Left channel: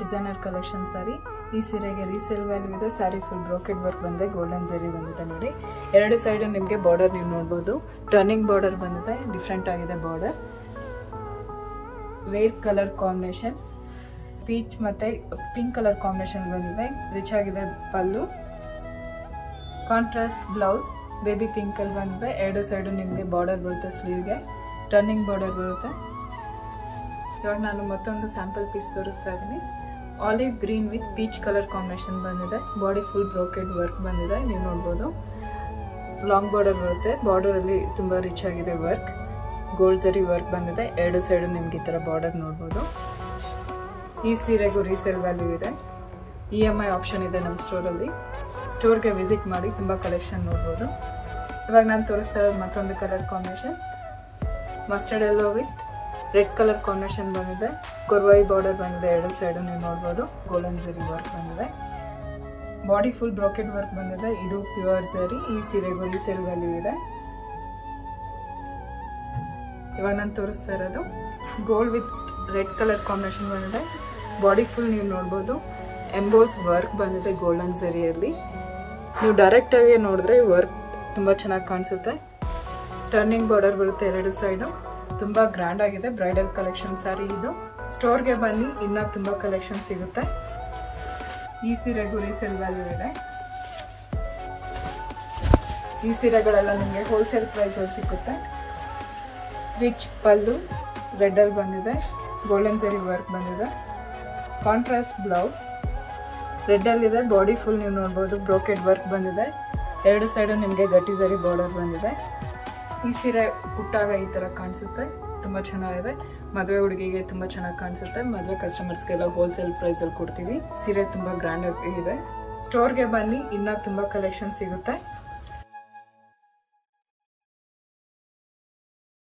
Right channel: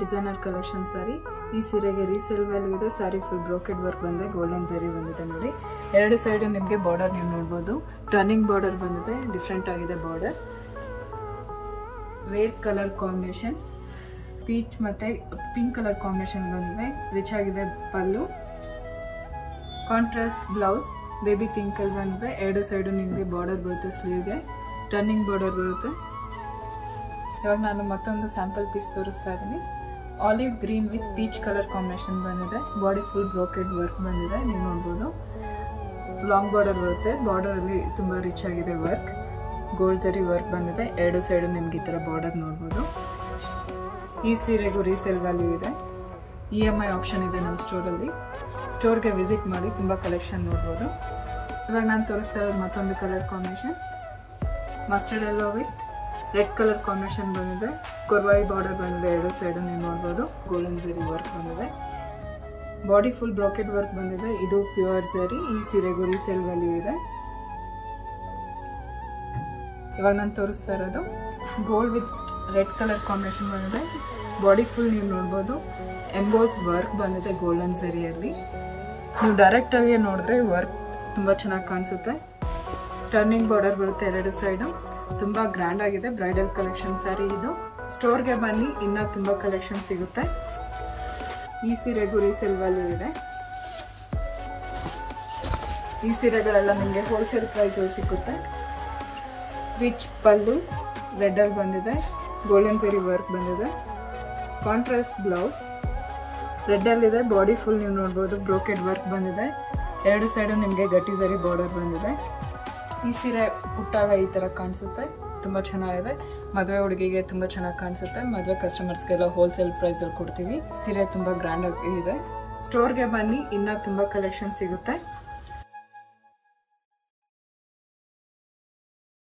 Designer collection ಸಾರಿ. ಈ ಸೀರೆಗೆ resale value ಇದೆ. ಸಾರಿ ಫುಲ್ ಬ್ರೋಕೆಡ್ ವರ್ಕ್ ಬಂದಿದೆ, ಗೋಲ್ಡನ್ ಜರಿ ಬಂದಿದೆ ನೋಡಿ. ಎರಡು ಸೈಡ್ ನಿಮಗೆ ಬಾರ್ಡರ್ ನೀವು ನೋಡ್ಬೋದು. ಟರ್ನಿಂಗ್ ಬಾರ್ಡರ್ ಬಂದಿದೆ, ಡಿಫ್ರೆಂಟ್ ಆಗಿದೆ border. Rare colour combination, peach ಮತ್ತೆ ಪಿಂಕ್ ಕಲರ್ ಕಾಂಬಿನೇಷನ್ ಬಂದಿದೆ. ರಿಚ್ ಆಗಿದೆ pallu. Contrast blouse baby pink ಅಲ್ಲಿ ಬಂದಿದೆ. ಎರಡು ಸೈಡು ನಿಮಗೆ ಬಾರ್ಡರ್ ಬರುತ್ತೆ, ಸ್ಲೀವ್ಗೆ ಟರ್ನಿಂಗ್ ಬಾರ್ಡರ್ ಬರುತ್ತೆ. ಇವಾಗ ನಾನು ಮತ್ತೊಂದು ಸ್ಯಾಂಪಲ್ ಪೀಸ್ ತೋರಿಸ್ತಾ ಇದ್ದೀನಿ. Olive green with peach colour combination ಬಂದಿದೆ. ಬಾಡಿ ಫುಲ್ ಬ್ರೋಕೆಡ್ ವರ್ಕ್ ಬಂದಿದೆ, ನೀವು ನೋಡ್ಬೋದು. ಲಾಂಗ್ ಬಾರ್ಡರ್ ಬರುತ್ತೆ, ಬಾರ್ಡರಲ್ಲಿ ತುಂಬ ರಿಚ್ ಆಗಿದೆ ವರ್ಕ್. ಗೋಲ್ಡ್ ಜರಿ ವರ್ಕ್ ಬಂದಿದೆ. ಎರಡು ಸೈಡು ನಿಮ್ಗೆ ಈ ಥರ ಬಾರ್ಡರ್ ನೋಡ್ಬೋದು. ಈ ಸೀರೆಗೂ ರೀಸೇಲ್ ವ್ಯಾಲ್ಯೂ ಇದೆ. EMI ಆಪ್ಷನ್ ಇದೆ ನಮ್ಮ ಸ್ಟೋರಲ್ಲಿ. ಸ್ಟೋರ್ಗೆ ವಿಸಿಟ್ ಮಾಡಿ, ತುಂಬ ಕಲೆಕ್ಷನ್ ನೋಡ್ಬೋದು. ಇವಾಗ ನಾನು ತೋರಿಸ್ತಾ ಇರೋದು ಮತ್ತೊಂದು colour combination. Mustard yellow with red colour combination ಬಂದಿದೆ. ಕೊರ್ವಾಯಿ ಬಾರ್ಡರ್ ಬಂದಿದೆ, ಎರಡು ಸೈಡು ನೀವು ನೋಡ್ಬೋದು. ಗೋಲ್ಡನ್ ಜರಿ ವರ್ಕ್ ಬಂದಿದೆ. ಬಾಡಿ ಫುಲ್ ಬ್ರೋಕೆಡ್ ವರ್ಕ್ ಬಂದಿದೆ. ಇದು ಪ್ಯೂರ್ ಜರಿ. ಈ ಸೀರೆಗೂ ರೀಸೇಲ್ ವ್ಯಾಲ್ಯೂ ಇದೆ. ಇವಾಗ ನಾನು ತೋರಿಸ್ತಾ ಇರೋದು gold with red colour combination ಬಂದಿದೆ. ಬಾಡಿ ಫುಲ್ ನೀವು ನೋಡ್ಬೋದು. ಎಂಬೋಸ್ ವರ್ಕ್ ಬಂದಿದೆ ಗೋಲ್ಡನ್ ಜರಿಯಲ್ಲಿ. ನೀವು ಡೈರೆಕ್ಟಾಗಿ ನೋಡಿದ್ರೆ ವರ್ಕ್ ತುಂಬ ಚೆನ್ನಾಗಿ ಕಾಣಿಸುತ್ತೆ. ಟರ್ನಿಂಗ್ ಬಾರ್ಡರ್ ಬರುತ್ತೆ ಎರಡು ಸೈಡು. ತುಂಬ ಗ್ರ್ಯಾಂಡ್ ಆಗಿದೆ. ಬ್ರೈಡಲ್ ಕಲೆಕ್ಷನ್ ಸ್ಯಾರಿ ಇದು. ಸ್ಟೋರ್ಗೆ ಬನ್ನಿ, ಇನ್ನೂ ತುಂಬ ಕಲೆಕ್ಷನ್ ಸಿಗುತ್ತೆ. ಈ ಸೀರೆಗೂ ರೀಸೇಲ್ ವ್ಯಾಲ್ಯೂ ಇದೆ. ಈ ಸೀರೆಗಳೆಲ್ಲ ನಿಮಗೆ ಹೋಲ್ಸೇಲ್ ಪ್ರೈಸಲ್ಲಿ ಸಿಗುತ್ತೆ. ರಿಚ್ ಪಲ್ಲು ರೆಡ್ಡಲ್ಲಿ ಬಂದಿದೆ. ಗೋಲ್ಡನ್ ಜರಿ ವರ್ಕ್ ಬಂದಿದೆ. ಕಾಂಟ್ರಾಸ್ಟ್ ಬ್ಲೌಸ್ ರೆಡ್ಡಲ್ಲಿದೆ. ಬಾಡಿ ಫುಲ್ ನೀವು ನೋಡ್ಬೋದು, ಬ್ರೋಕೆಡ್ ವರ್ಕ್ ಬಂದಿದೆ. ಎರಡು ಸೈಡು ನಿಮಗೆ ಗಟ್ಟಿ ಜರಿ ಬಾರ್ಡರ್ ಬಂದಿದೆ. ಈ ಸೀರೆ ಉಟ್ಟಾಗ ಈ ಥರ ಕಾಣಿಸುತ್ತೆ, ತುಂಬ ಚೆನ್ನಾಗಿದೆ. ಮದುವೆ ಹುಡುಗಿಗೆ ತುಂಬ ಚೆನ್ನಾಗಿ ಕಾಣಿಸುತ್ತೆ. ಮದುವೆ ಕಸ್ಟಮರ್ಸ್ಗೆಲ್ಲ ಹೋಲ್ಸೇಲ್ ಪ್ರೈಸಲ್ಲಿ ಕೊಡ್ತೀವಿ. ಸೀರೆ ತುಂಬ ಗ್ರ್ಯಾಂಡ್ ಆಗಿದೆ. ಸ್ಟೋರ್ಗೆ ಬನ್ನಿ, ಇನ್ನೂ ತುಂಬ ಕಲೆಕ್ಷನ್ ಸಿಗುತ್ತೆ.